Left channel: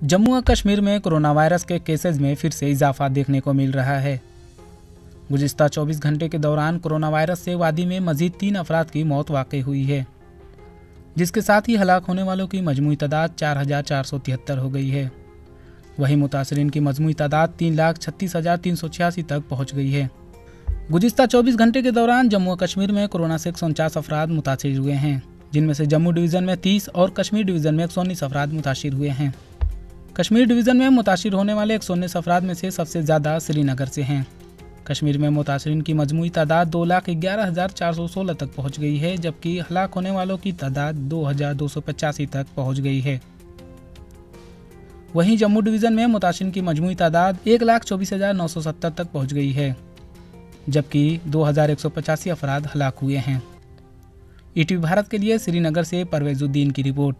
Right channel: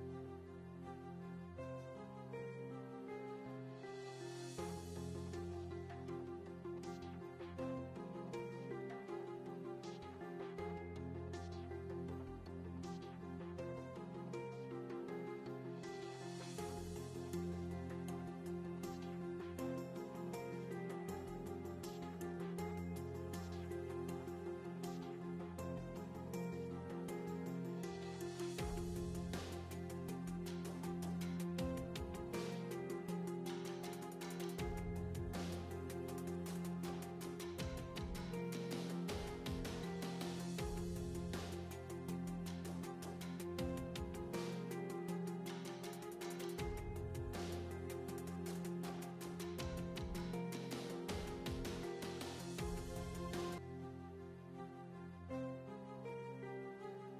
जम्मू और कश्मीर में corona virus के केसेज में फिर से इजाफा देखने को मिल रहा है। गुज़िश्ता 24 घंटे के दौरान कोरोना वायरस से वादी में मजीद 3 अफराद की मौत वाक़ई हुई है, जिसके साथ ही हलाक होने वालों की मजमूई तादाद 4,473 हो गई है। वहीं मुतासरीन की मजमूई तादाद 3,36,386 तक पहुँच गई है। गुज़िश्ता 24 घंटे के दौरान जम्मू और कश्मीर में कोरोना से 149 अफराद मुतासिर हुए हैं, जिनमें से जम्मू डिवीज़न में 30 और कश्मीर डिवीज़न में 119 अफराद मुतासिर हुए हैं। कश्मीर डिवीज़न में मुतासिर होने वाले 119 अफराद में से सबसे ज़्यादा श्रीनगर से हैं। कश्मीर में मुतासरीन की मजमूई तादाद 2,11,416 तक पहुँच गई है, जबकि हलाक होने वालों की तादाद 2,285 तक पहुँच गई है। वहीं जम्मू डिवीज़न में मुतासरीन की मजमूई तादाद 1,24,970 तक पहुँच गई है, जबकि 2,185 अफराद हलाक हुए हैं। ईटीवी भारत के लिए श्रीनगर से परवेजुद्दीन की रिपोर्ट।